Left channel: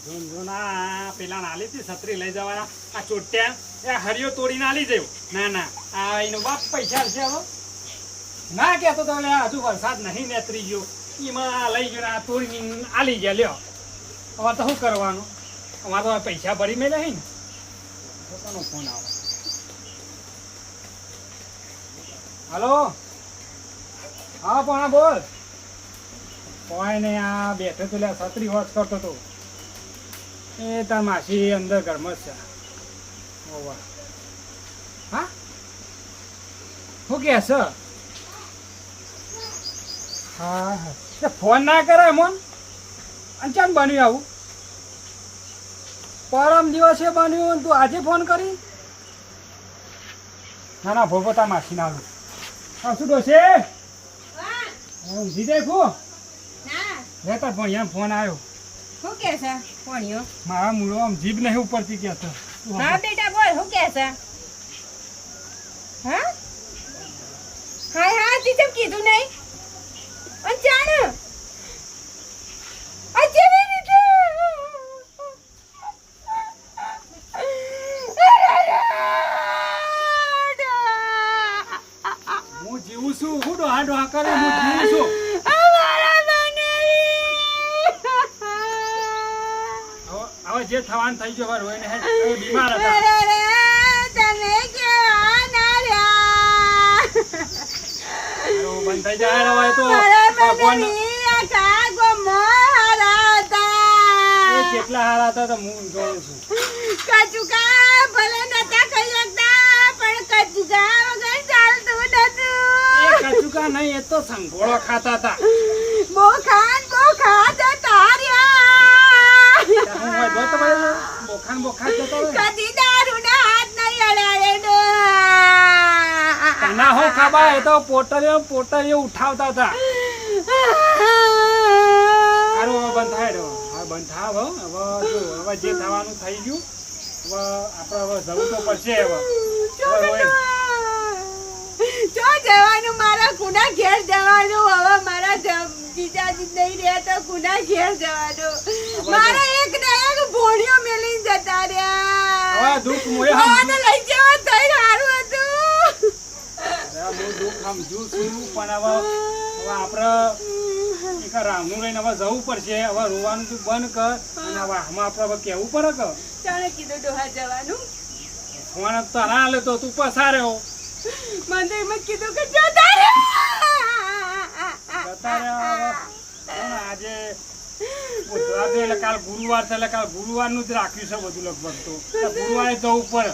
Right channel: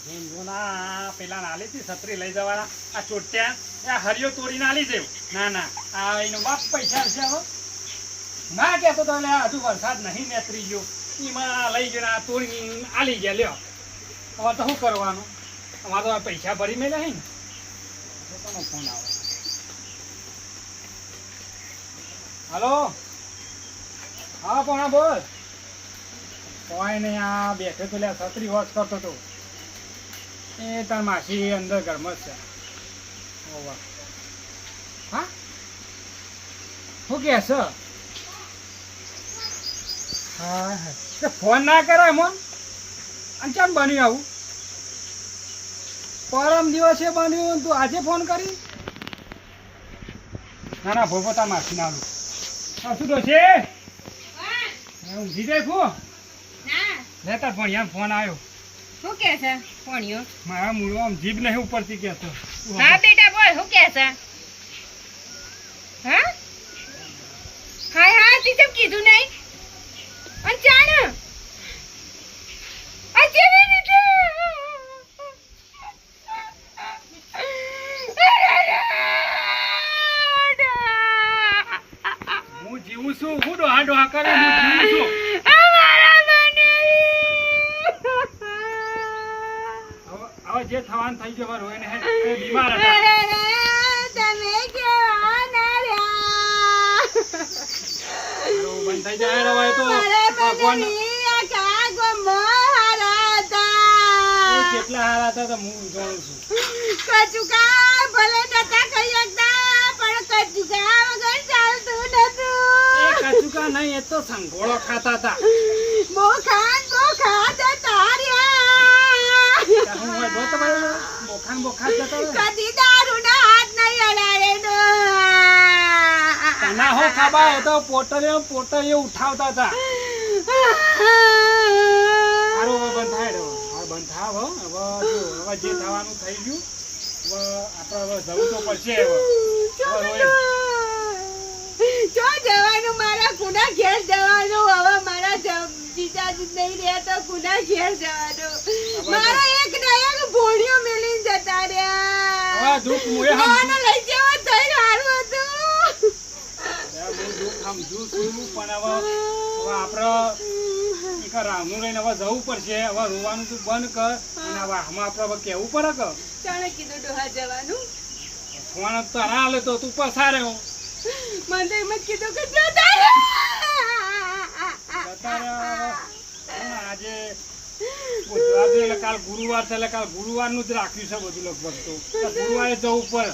આ પેલા નાલી હતી છત્રી લઈ જવાના. આ ચોટ્યા, એ હરિયો તોડીને આલી જયો ના ના, આ એનો બાપ પૈસા છે હવે. ના કહેતો તો હજુ વરસાદ નહીં નેતરી ગયો. એમાં લઈ ગયો આ આલી ગયા. લ્યો, હવે તો શું કરવાનું? અમારે તો પૈસા ભરી મેળ્યા હે ને. પોતાનો ફોન આવે. હલો? હા, પણ બોલ. કોઈ નહીં, આ બેઠો પેલા છત્રી વોચ કરતો તો. એ તાર માસી અંદર ઘરમાં જ છે. ઓવા હા? શું કે છે? હા હા. ફોન ના કરે મોન અને ચાલ બન્યું આવું? પરમ દિવસે બન્યું તું આજે ફોન કરી? ના ના ભોગો તા માસી ના આવું. શું છે ઊંઘી જાય ખો? લેતા પણ એમ ફોન આવ્યો. શું કે છે? કોણિયો મારા મૂળો આમ જીભ નહીં ઉપરથી કે છે હા બેટા બોલ શું કે છે? હા? હાય હા તી કીધું નહીં? અને જાણ આ કેવી રીતે હું જીવું છું હું ડોહા ડોહા કરે હું જીવું છું હવે હવે જે થવાનું થઈ ગયું રોઈને હે બીમાર હતા. તમે કેવા ના રહ્યા હાલો, બંધ થઈ જાય હવે એ તો. મારા ભગવાન એ કેટલા હારા હતા તો હું જોઉં છું. કચુકા ભલે નતા કરી શકતા, પણ કચુકા વગર ચાલતું એ નતું. કચુકા નહીં એ તો સંઘોળો ખાતા હતા. બોખાન બોખાન જતા રહ્યા. ત્યાં હું હોય જોતો ભાઈ જતા હાથ નહીં અડાડે હો એ તો પોટલીઓ પોટલીઓ ઉઠાવતા હતા. સારું હવે બંધ થાય હવે બંધ થાવ હવે જો હવે જે થવાનું થઈ ગયું હવે આપણે હવે જવું તો પડશે હવે. હવે રોય જો જવાનું મારા ગુના ઘેર જવાનું હવે મારા જીજાજી નહીં રહે તો કુના ઘેર જવાનું. મારે એક ને એક ભોળીઓ મેલી જતા રહ્યા. હવે દુઃખ મોએ મને લઈ જવા થઈ હારું હતું. હું દુઃખ સમજુ છું પણ હવે હવે આપણે એક રામનું લઈને હવે જવું પડશે. હવે રોવાનું તું બંધ કર અને હવે આમાં આપણે હવે કહેવું પડે કે? ચાણે કીધું ડોહા જવાનું. ફોન તો ના હાલે તો તું પસાર્યો મંદિરમાં કીધું કે જતા રહ્યા. જતા રહ્યા હવે. આજે છે એટલે કાલ ગુરુવાર છે એટલે કાલ ગુરુવારનું જ રાખ્યું છે બધું લગભગ તો. ગુરુવારે જવું પડે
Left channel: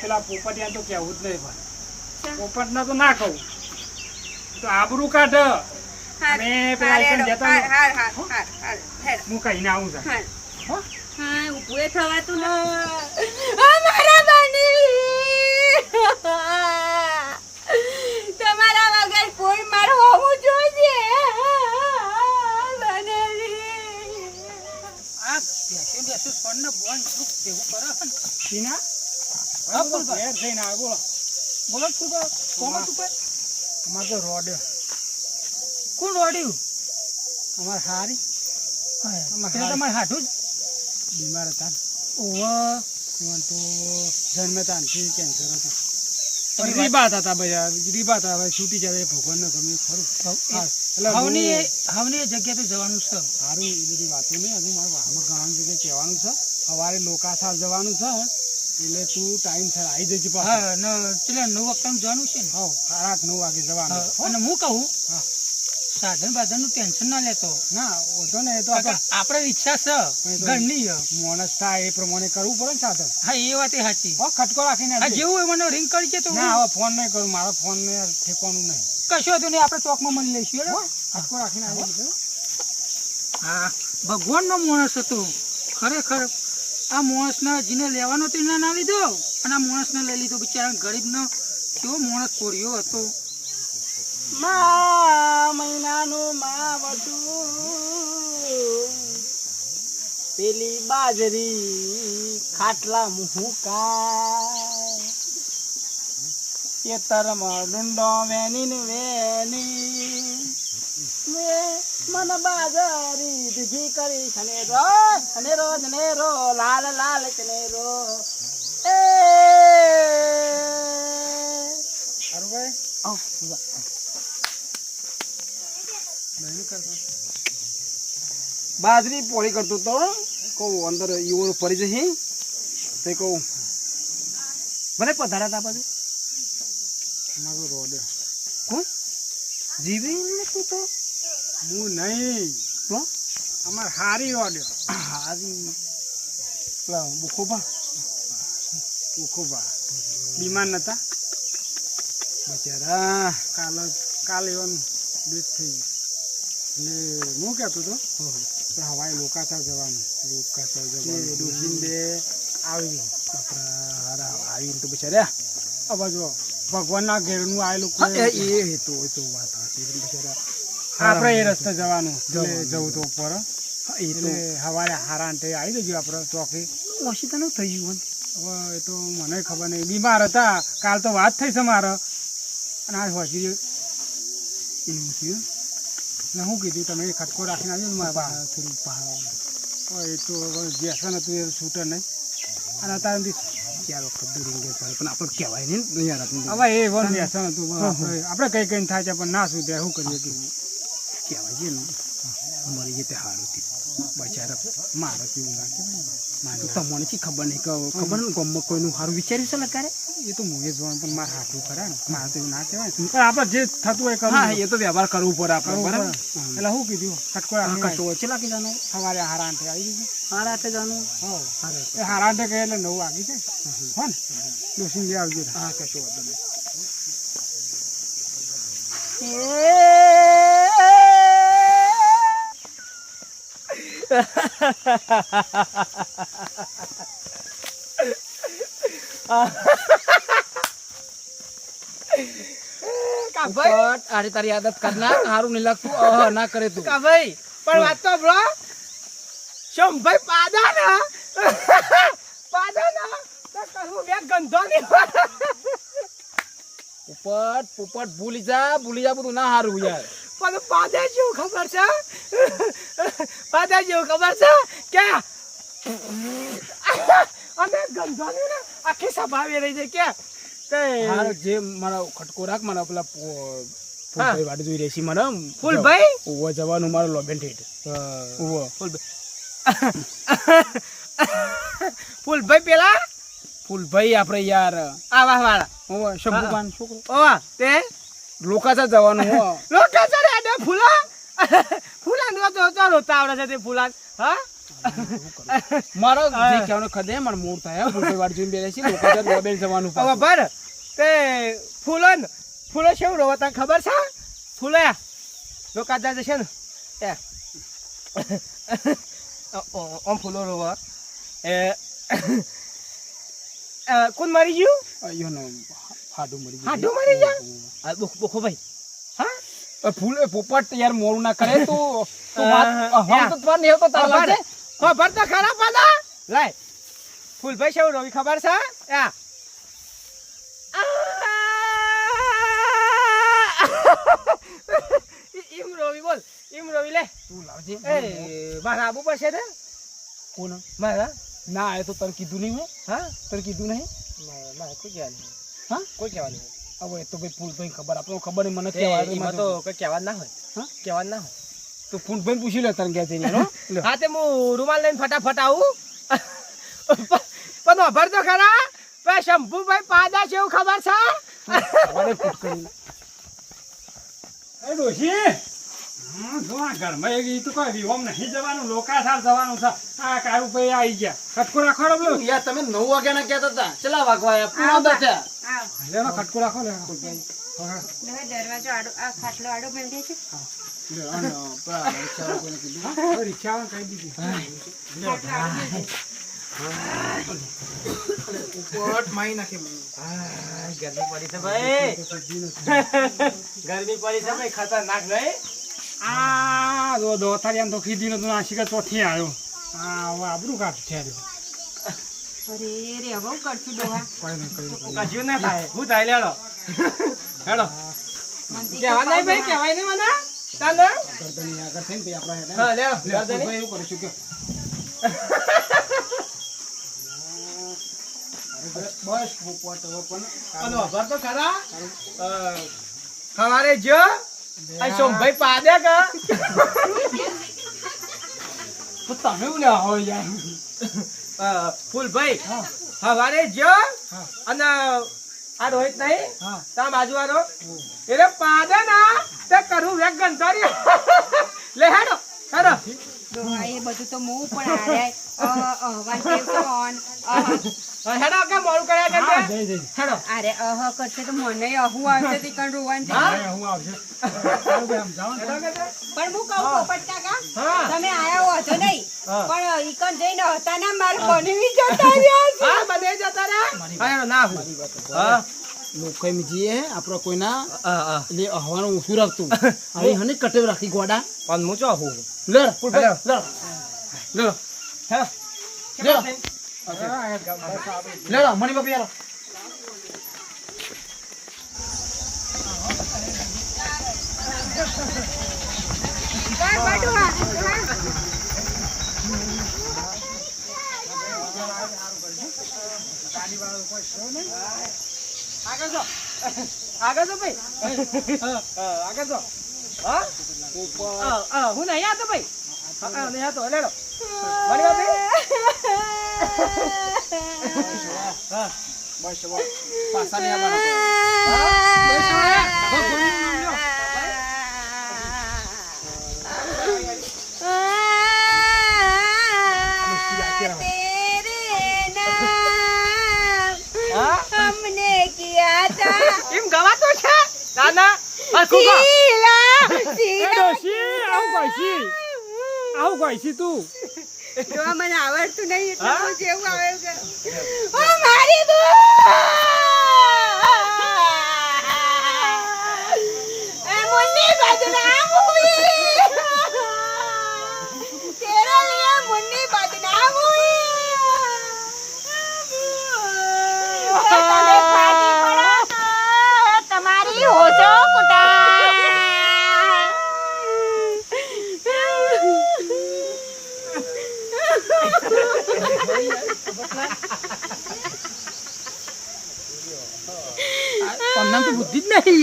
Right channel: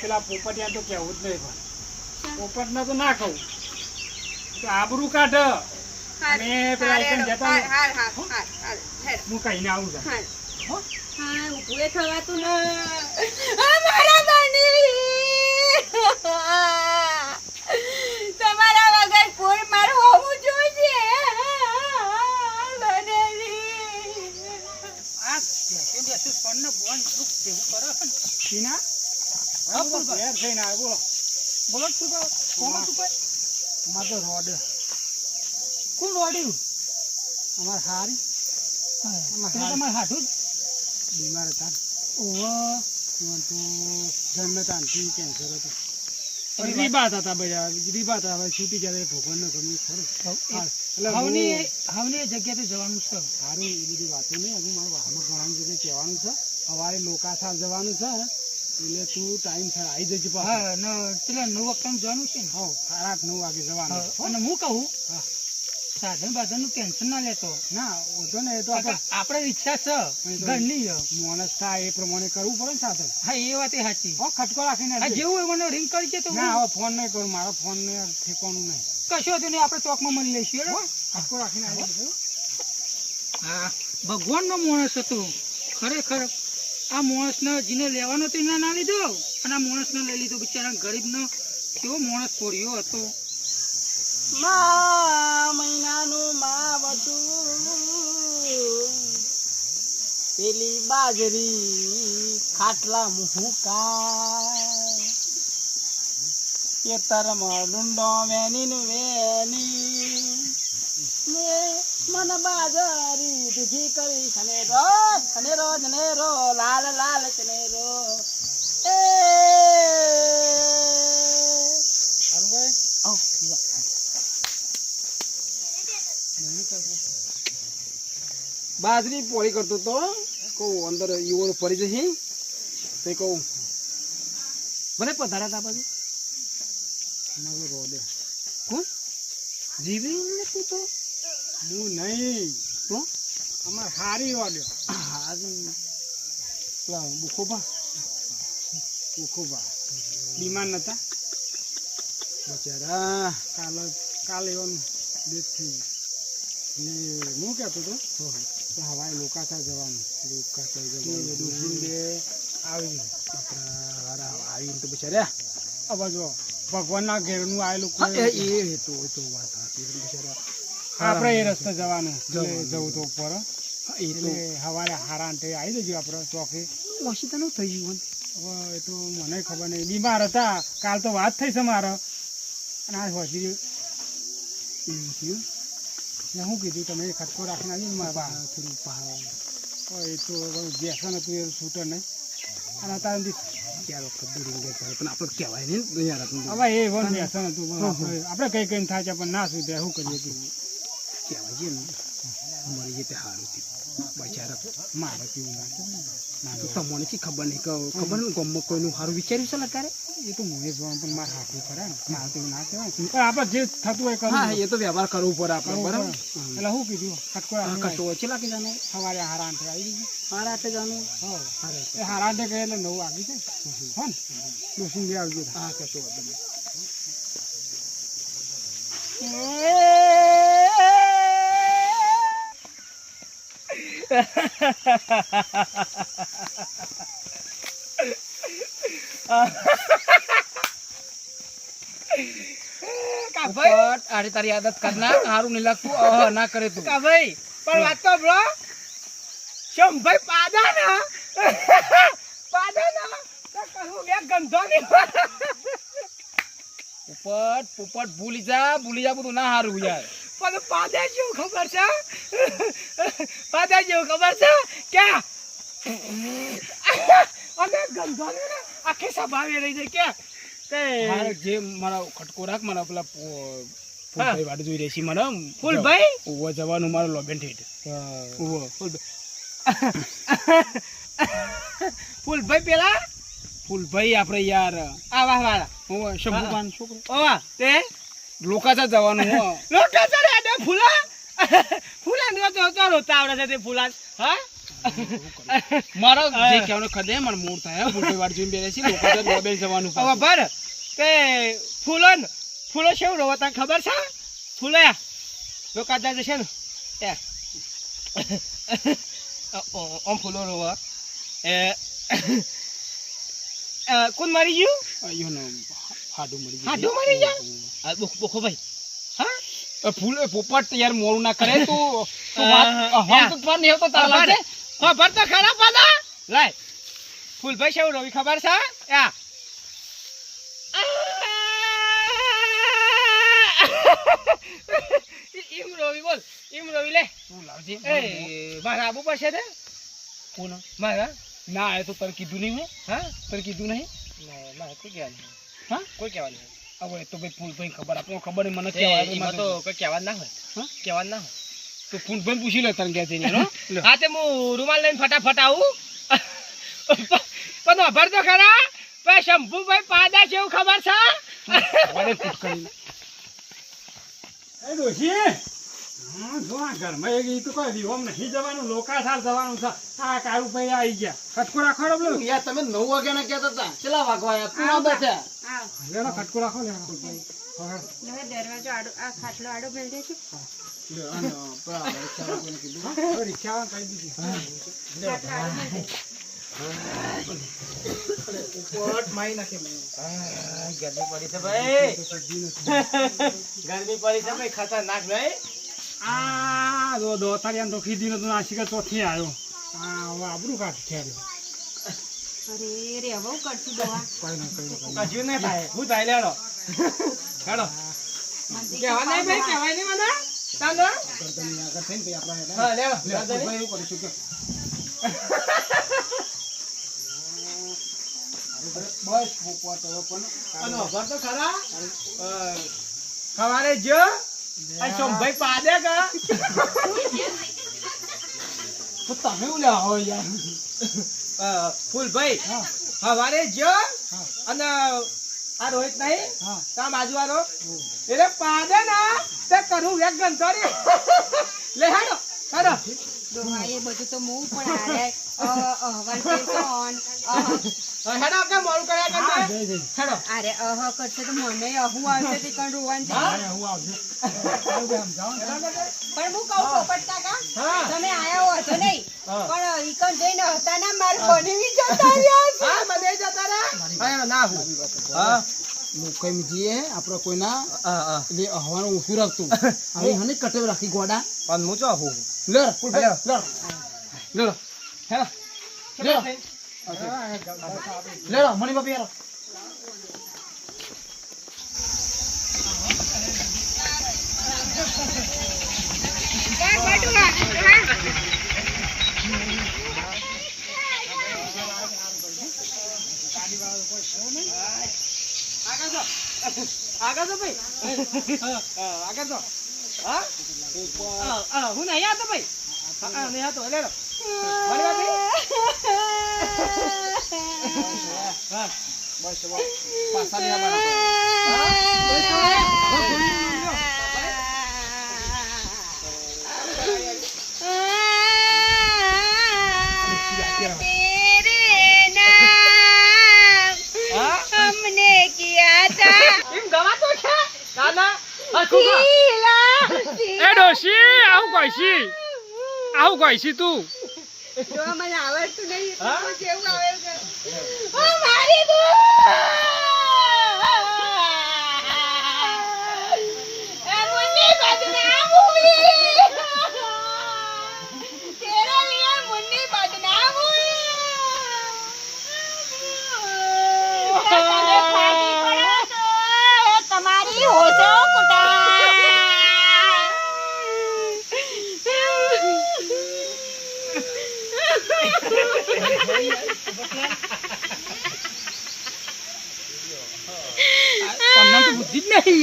પેલા ના પોપટિયા તો કેવું જ નહીં પોપટ ના તો ના કહું. તો આબરૂ કાઢ. હાર, પેલા હાર, જતા હાર, હાર, હાર, હાર, હું કહીને આવું છું હા, ઊભું થવાતું ન- અમારા બની! તમારા વગર કોઈ માર હોવું જોઈએ. બોલો, બોલ. રોડે. કોણ રોડ્યું? અમારે સારી હા. તમારે હાથું જ? બીમાર હતા ને. તો જન્મે કેન્સર હતું. રીબાત હતા બધા. રીબાત હતા છૂટી જાય ભગવાનને ગમે ખરું. હા, એટલે હવની હવની જગ્યાએ જવાનું છે. સારું એ બધી વાતો નહીં. હજુ મારે વાહમાં ઘણા જગ્યાએ કહેવાનું છે. સવારે લોકાસાર જવાનું છે એટલે તું ટાઈમ સર આવી જજે હા ને પેલા નવ વખત જવાનું છે સાડા આઠ નવ વાગે જવાનું હા, હો? અને હું કહું? હા. સાધન બાધનનું ટેન્શન ના લેતો. ના ઓછો ને એ તો આપણે રિક્ષા છે એ ઘરની. છે. થાય એ પ્રમાણે કરવું પડે ને સાધન. હા એ વાત એ સાચી. હા ખટકો રાખીને જેવું હોય મને રિંગ કરજે તો ના હવે ફોન નહીં કરું મારા ફોન ને ઠેકવાનું નહીં. કશું હતું નહીં આપણે ચોકમાં મળી લઈશું? ખટકો રાખીને આવી. હા ભગવાનનો માણસ હતો. ખરેખર આ માણસને જેને લેવાનો હતો એના ના લીધો. અને આ માણસને લઈ લીધો બિચારા ગરીબનો. કેવો માણસ પોર્યો હતો. મા મહિનાનું મા પેલી બાજરી ખાટલા મુહુકા ખેતરમાં ડુંડો વેની વેની. મન બાજરી દીધી કરી ખનેરો ખનેરો જનેરો લાલ લાલ કનેરો એ. અરુભાઈ બાજરી પોળી કરતો તો કહું અંદર ઈવોળું પડી જશે. તે કહું ભલે પધારા તા પછી. મારું રોડે. કોણ જીવી નથી તો હું નહીં. તો અમાર હારી ઓડ્યો હારી. પેલા બુખોબા બુખોભા બીમાર નતા? બચારા. કાલે કાલે એવાનું ડેથ થઈ ગઈ. એટલે હું કહેતો હતો કે હવાઈ લોકાતા જવાનું. લોકાતા જવાનું. ડોસીન બે આવી આપણા હારા આવીને તો બચાર્યા હવે જો ભગવાનના ઘેરનું આવેલું એ કોઈ એ તો વાત હાચી બિચારા આપણે એ રસ્તે જવાનું જવું તો ઉપર. એ તો એટલે હવારે હારા અંતે આવી જજો આપણે ચોકી ઓછી તો ન થઈ ગયું હવે એ તો મને ખબર નહીં. બીમાર હતા. કાલ તો વાત થઈ છે મારે. અને આજ હોજી એવું થયું. એટલે શું કીધું? તમે ખટકો રાખીને આવ્યો મારા થોડું પહાડ એ તો વ્યસન હતું એ છૂટે નહીં. અને અત્યારે ચાર વખત દૂરી ચાલે પણ આપણે કહેવાય નહીં ને યાર હવે એ વન વ્યસન હતું આપણે કઈ કઈ થાય છે પણ ના સુધે શું કરીએ કહેવાય છે ને. મરી જાય તે સારું થયું. બચારા મારે કેવું ના? કહેવાય તમને શી ખબર નહીં કે ખબર ને ગમમાં કોઈનું સારું વિચાર્યું છે અત્યારે એ તો હું એ જોવાનું પણ મારે હાથું ખરા ને. મારે તો એવું ના કહેવાય. પણ આપણે જે થતું હોય કરવું હા એ તો વ્યવહાર કરવું પડે આપણે બરાબર? એટલે શું કીધું ખટકો કશો ઓછી લાગી જાનું સવારે હારા આઠે આવી ગયું હારા આઠે જવાનું હા. એ હારા આઠે ગયા એટલે નવ વાગી જાય. હો ને? ડોસીને બે ગયું હા કશો વાંધો નહીં. અરે તારી આદત કરના સારું નહીં લાગતું અહ ના કરે તું. કાભાઈ પણ વાત તો બ્રો શંભાઈ પાદા ના પાદા ના કહું બે ગંધો ની પોપટ પોપટ ભૂલી જા ભૂલી જા બધું. ના સારું યાર. પણ પાદા જેવું ખબર છે? પાદા જેવું ખબર છે? કે? અમે ગંધો ને આખી સભાવી રહી છે કે? જે મારા ખટકો રાખ મારા પેલા ફૂલભાઈ વાડી જોઈ રહેશે મને. ફૂલભાઈ? ઉવો જવાનું મારો લોબેન ઠેઠ. ઉવો. ફૂલભાઈ. પેલા? ફૂલભાઈ આપણે યાર. આ વાહ વાળા ઉવો શંભુપાન છોકરો. ઓવા તે? લોકાચા જવાનું હો લોકો આડે ફૂલા? ફૂલા નો તો તો રોતા આવડે છે તે ફૂલા હા? મારો જે કહેવાનો ખદે મને મૂળ થાય હો. વાર જોઈને બેસે લોકાચા લોબેન જવાનું હવે. ભર તે ફૂલો ન- ફૂલો શેવું રોવા તને ખબર છે? ફૂલો લોકો જાય છે ને. એ. ઓમ ફૂલો રોવા. એ. કોણ મરી ગયું? હાડું મરી ગયું. હાડું મરી ગયા? બોખો ભાઈ. ફૂલ પોપટ યાર મોરું ના કરે તું. હમ તો નહીં તારા હા તો ખરાબ પાદા લાય. ફૂલભાઈ શેવું રવિ ખબર છે? ઈમ રવિ બોલ ઈમ રવિ લે. તું લાવજે. એ મારા આબુ પાસે ને? કોણ મારા? ના એ તો તને કીધું નહીં મેં હા? તને કીધું નહીં? મારા કોઈ કહેવાનું હા? કોઈ કહેવાનું નહીં. હવે તો ભાઈ ફૂલભાઈ ખબર આપણે ખબર નહીં મને એ, કહેવાય તો કોઈ કહેવા ના હોય. હા? કહેવા ના હોય. તો ફૂલભાઈ પૂછી લે તને ક્યાં જઈને હા? તે હું રૂમાલ લઈને ફટાફટ આવું. પણ અભર તો ખરા. ભાઈ શંભુભાઈ પાદા છે એવું ખબર છે? અરે ડોશી! હું ઘરમાં એક ઈ તો કોઈ વિહોમ નહીં જવાનું લોકાસાર જવાનું છે. આ કારુભાઈ આવી ગયા. ખટકો રાખો રે પેલો યાર તમે નવ વાગ્યા ના કહેતા હતા ચલા વાગવા આયા પૂરા હતા આવ ખટકો રાખો લે દરવાજો આડો આ ખાટલો આડો મેળ્યો છે. લે, અને પેલા રિક્ષાવાળા કોઈને કીધું? હવે રિક્ષાવાળાને કહી દીધી. પોપટ મારી નાખે મને. ગરમી પડી છે ભાઈ. ગરમી પડી છે ભાઈ ખતરનાક ભાઈ. આ જો દોતારિયાને તો કીધી નતું નાસી કે ચોથી આવ્યો. આ હવે આબરું કાઢ ઠેર્યો અરે રે હવે કરશું ડોહા કોઈ નહીં કોઈ નહીં કજ્યું ના. થાય. હું થાય લેડો. હેડો. કહેવા નહીં ભાઈ કહેવાય નહીં મને. ચાલો કરતા આગળ થઈને પછી આપણે હા લેડો. ભાઈ એવું કરીશું કે બસ. મૂકવા તો હવે પણ ખરા સવારે જો ફૂલભાઈ હા. સવારે જો અને આ રોહિત નહીં તા બાજુ વાળો એટલે પાડે ના તે કરું વેગ ગંધારી લે હેડો હેડો. એ બધું તો હું પણ અહવાન હેડો કે મોડું કર્યા જઈ હેડો. અરે અહ કરશે તો મને અહુ આવશે તે કણ રોવાન હા? હું આવશે. પણ હું કહું પોપટ કાકા હા. તમે આયા હો તો નહીં. પણ ઈકણ જઈને હતા ના માર બનવી જતા રહ્યા છે. હા મને જતા રે હા હેડો ના હું. હા. લોકો એમ જીએ આપણો કોઈના એટલે હવાનું ઓછું રાખતું. હવે હને કટેવ રાખી ગોડા. પણ હું ચો હું. લડ પુલભાઈ લડ. લડો હેડો લેડો હા, બસ આપણે લડો મણી બાપી યારો ડોહા, ડોહા. આગળ જો ભાઈ. હા, આગળ તો હા? હા, નહીં આવતો ભાઈ. હા, નહીં આવતો. લેડો મણી બાપી બસ બસ. પાસા નહીં આવવાના આવું કોઈ છી? આવું કોઈ છી તું? જો મને આવડતું નહીં એટલે? જેવું આવે છે. ઓ મારી એ મુન્ની લીએ મુન્ની બદનામ હુઈ તમે ફાટી પડો તમારી હોશો તમને તો બુદ્ધિ જ નહીં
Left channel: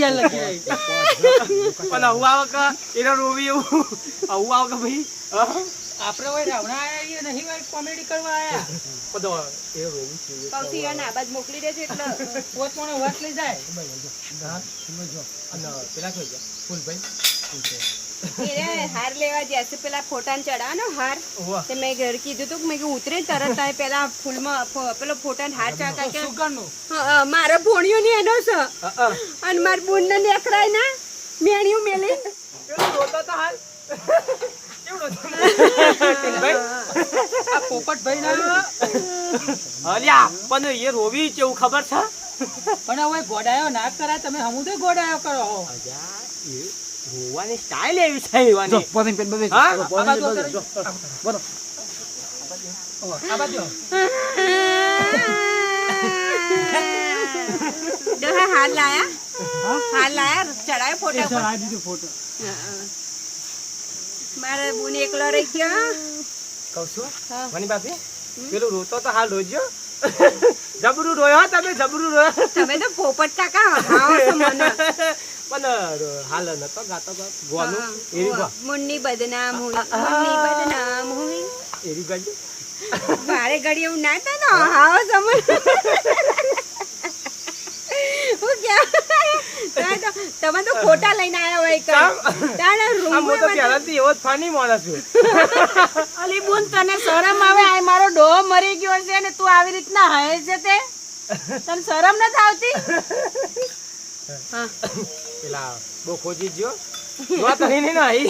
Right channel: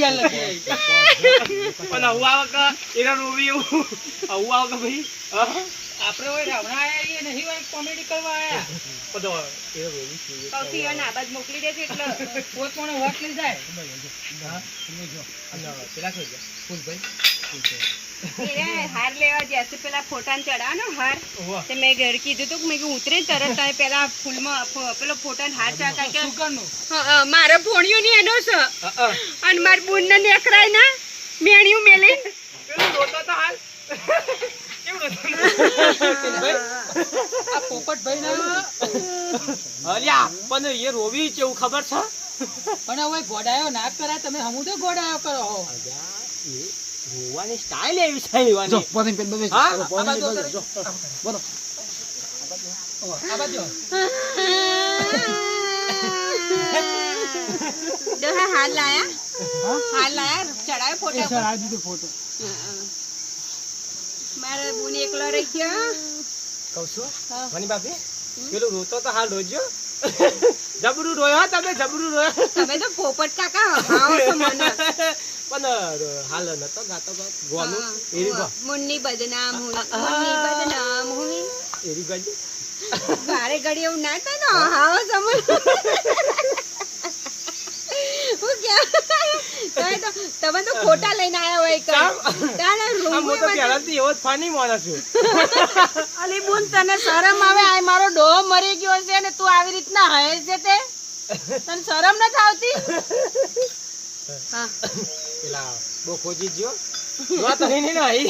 લગે પણ આવું આવે કે એનો રોવી એવું આવું આવે કે ભાઈ હા? આપણે હોય રાવણા આયા છીએ નહીં હોય કોમેડી કરવા આયા બધો આવે. એનો રોવી છે. સૌથી અને આબાદ મોકલી દેજો એટલે પોત પણ વાત લઈ જાય હા? અને પેલા શું છે? ફૂલભાઈ? એને હાર લેવા જશે પેલા ફોટાને ચડાવવાનો હાર. તે મેં ઘર કીધું તું કે મેં ઉતરે તરત તારે પેલા ફૂલમાં પેલો ફોટાને હાર ચડાવતા હા, હા, ની એનો છે હા, હા. અને મારી બુન ને નેકરાય ના મેણિયું મેલી પેલો રોતો તો હાલ. કેવું રોતો? ફૂલભાઈ? આ પોપટભાઈ ના અલ્યા પણ એ રોવી કેવું ખબર છે પણ હવે ગોડાયો ના કરાય તમે હમું તો ગોડાયો કરો હો અલ્યા, એ રોવાની સ્ટાઇલ એવી છે જો એવાની. પોતે પેન બબે હા? જો પોતે પેન બબે જો બોલો. આ જો હે હાર લાયા. હાર લાયા. ચડાયો ફોટા પર. દીધો ફોટો મારા બુન એકલો રહી ગયો. કહું છું. બાપી પેલું રોતો તો હાલ રોજો જબરું રોયો તમે જબરું રોયો. તમે તો પોપટ કાકા હાવો છો મને. પણ હાલ નતો ગાતો ગોનો. એરી ગો. મુન્ની બદનામ હોય મુન્ની બદનામ હોય એરી ગાજો મારે ઘડી એવું ના કહે ને? હાવ સમજ. હું ક્યાં? તમે તો ખોટા લઈને આવ્યા હોય કઈ તારે રૂમ હું તો પહેલાથી એવો જ ફાની માણસ છું. અલી બુન તને શરમ આવે? આ મારો ડો મરી ગયો છે ને તું આવી રીતના હે છે તે? તને શરમ નથી આવતી? હા. પેલા બહુ ખોજી જ્યો નો તરી નહીં નાઈ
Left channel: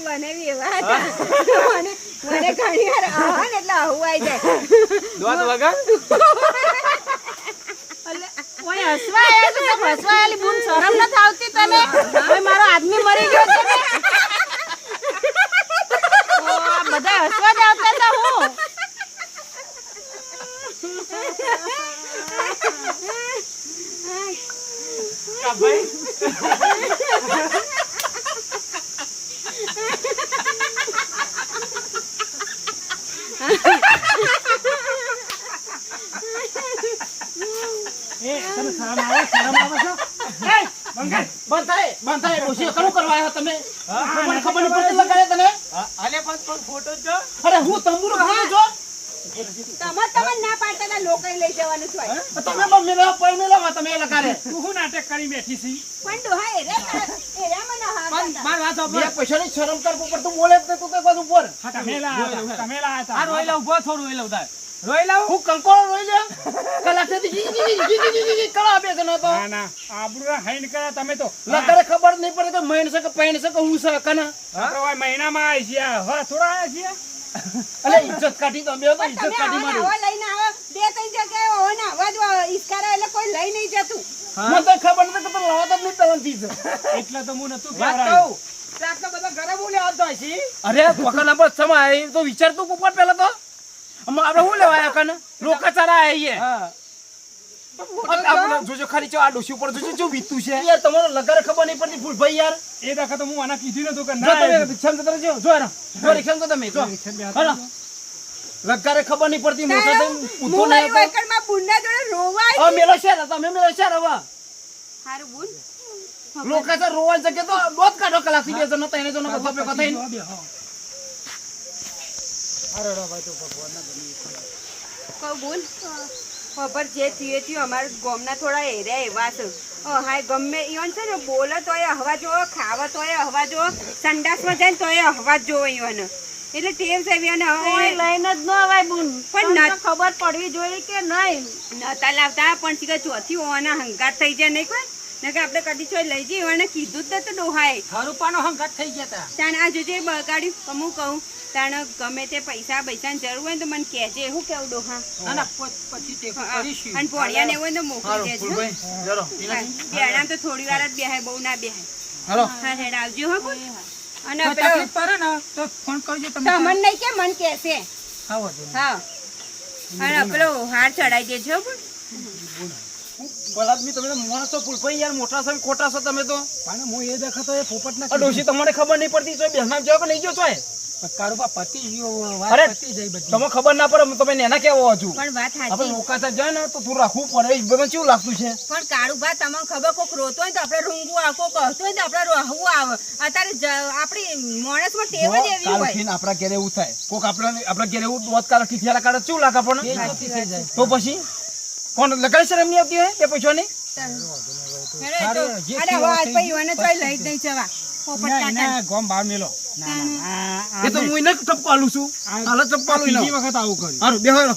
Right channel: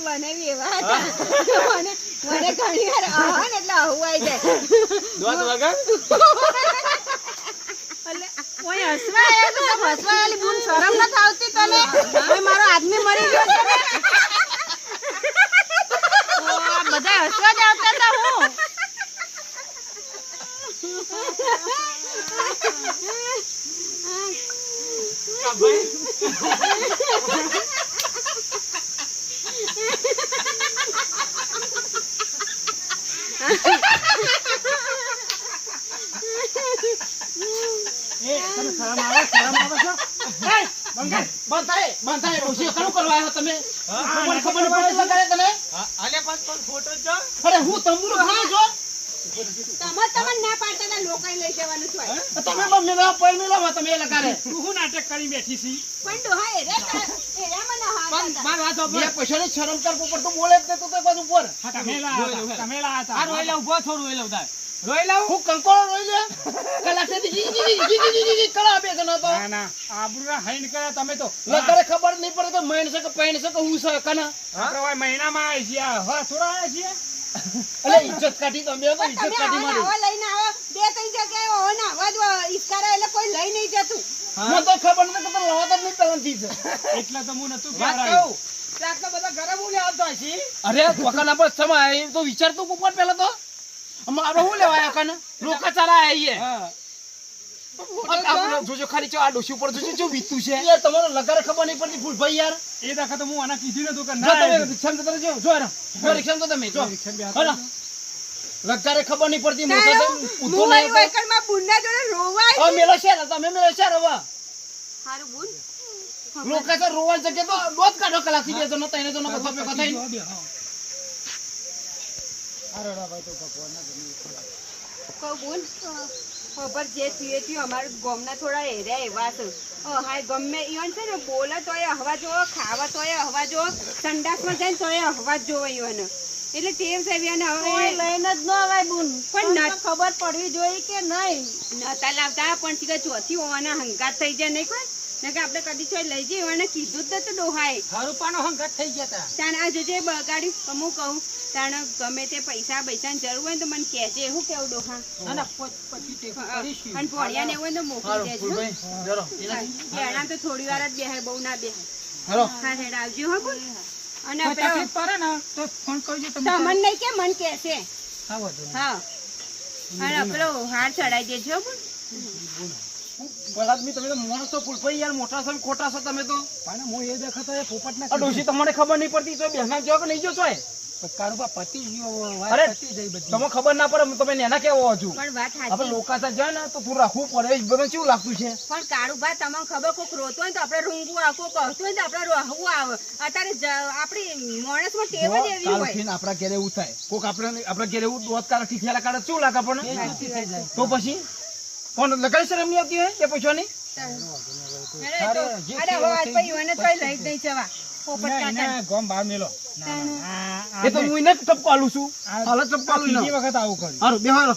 મને બી મને મને ઘણી વાર આવા એટલે આવું આવી જાય દોત વગર? કોઈ હસવા તો શરમ તને? હવે મારો આદમી મરી ગયો છે આ બધા હસવા જ આવતા હતા હું એ તને શરમ આવે શરમ આવે છે એ બંગાઈ બંધ થાય ડોશી કણું કરવા આવ્યા તમે? મને ખબર નહીં પડતી લગાડ્યા તને? આલે પણ પણ ફોટો જો અરે હું તંબુરો ખોલો છો તમે તમે ના પાડતા લોકાઈ લઈ જવાનું છે તમે પણ મેલા પર મેલામાં તમે લગાડે તું શું નાટક કરી બેઠી છી? પણ ડોહા મને હા પણ માર વાત સાંભળ. બે પૈસાની શરમ કર પડતું તું બોલે જ તું તો બાજુ ઉપર. તમે લાયા તમે આ ઊભો થોડું રોઈ લઉં તાર રોઈ લાવ. હું કંકોળો રોઈ લે? કલા જી જી જી જી જી જી જી કળા બે જણા તો ના ના આબરૂ હૈન કરે તમે તો. લગાડે ખબર નહીં પડે કે મહિન છે કે પૈણ છે કે હું છે કના? આપણે હવે મહિનામાં આવી છે હવે થોડા આવ્યા છે અલે ઇજ્જત કાઢી તમે તો ઇજ્જત કાઢી મારી. નવા લઈને આવો. બે ત્રણ જગ્યાએ હોય ને અવાજ જ ઈસ્કારા એટલે કોઈ લઈ નહીં જતું. મને તો ખબર નથી કે તો લાવતા તો નહીં પહેલાથી છે. એટલે તો હું નતું વાત કહેવડાવ્યું. કહું. કે આટલા બધા ઘરે બોલે આવતા છે અરે વખાના પર સમય તો વિચાર તું ઉપર પહેલા તો? આપણે શું લેવા આવ્યા કને લોકા ચાલા આવીએ જોજો ખાલી ચો આ ડોશી ઉપર જોજો જો વીતું છે. યાર તમારો લગારે ખબર નહીં પડતી ફૂલ ભાઈ યાર. એ દાખલા તો હું આના કીધું નતું કે જો ના તમે જો જો તો જો. હાલો. લગારે ખબર નહીં પડતી મોટો તો ઊંધો નહીં હતો વૈકલમાં બુનના જોડે રોવાય હવે મેલો છે ને તમે મેલો છે હવે હારું બુન. લોકા તો રોવા જગ્યા તો બહુ કાઢો કલાકથી બે જણો ત્રણ જણો બધા ભેગા થઈને બે, હા. કહું બોલ. ખબર જે થયું થયું. અમારા ગામના થોડા એરિયા એવા છે. હાય ગમે ઈવન છે ને બોલે તોય હવા જો ખાવા તોય હવા જો સંડાસમાં જાય તોય હવા જ જોવે ઈવન એટલે તેલ સાહેબ ઈવન હવે લઈને જ ન અવાય બુન. પણ ખબર પડવી જોઈએ કે નહીં? નતા લાવતા પણ ચોથી હોવાના હંકાર થઈ જાય નહીં કોઈ? ને કે આપણે કદી ચોય લઈ જઈએ. અને કીધું જ તો ડોહાએ. હરુપાનો હંગાત થઈ ગયા હતા તાણ આ જોજે બગાડી અમુક કહું તાણ ગમે તે પૈસા પૈસાની જરૂર હોય ને તો મને કહેજે. એવું કેવું ડોહા? ના ના પછી તે કરીશું. અને પોળિયા ને એવું હોય તો મોકલી દેજો જરો. બેડા તો થોડી વાર જ બેહાય બહુ ના બેહાય. હાલો. હા હેડ આવજો હો કોઈ અને તકલીફ પડે ને તો ફોન કરજો તમે તમને નહીં કે મન કહેશે. હા વાંધો હા. અને પેલો હાર ચડાઈ દેજો બોલ. બળાદમી તમે તો માણસ છો ફૂલભાઈ યાર મોટા છો ખોટા છો તમે તો. પણ હું એ દેખાતો એ પોપટના આ ડોશી તમને ખબર નહીં પડતી તો બેસના જાવ કે નહીં ગયો છો કાળુબા પતી ગયો અરે, વાત જઈ બધી. તમને ખબર ના પડે તમે નેના કેવો હજુ? પણ વાત સાચી. લોકા ત્યાં જાય ને તો તું રાખવું પડે એ કેવું લાગતું છે. પણ કાળુભા તમને ખબર કોક રોતો હોય તો આપણે રૂંગું આવે કોક હસતું હોય ને તો આપણે રહવું આવે. અત્યારે આપણી માણસમાં ટેવ જ એવી હોય. આપણા ઘેરે એવું થાય. કોક આપણે આપણા ઘેરે એવું દોત કાળા ઠીઠિયાલા કાળા કેવું લાગે આપણને? જાય તો પછી? કોણ લગાડી શરમ નહીં આવતી હોય? તે પૈસાની અરે તો અરે હવે આજ પછી એને તોય લઈ જ નહીં જવા પોપટ ના, કાકા એના ગોમ બહાર મેલો. ના ના. આ- આ એ તો હું એને ટપકાલું છું. હાલ આ ટપકાલું ત્રીજી વખત આવું કર્યું હારું બેહો હાલો.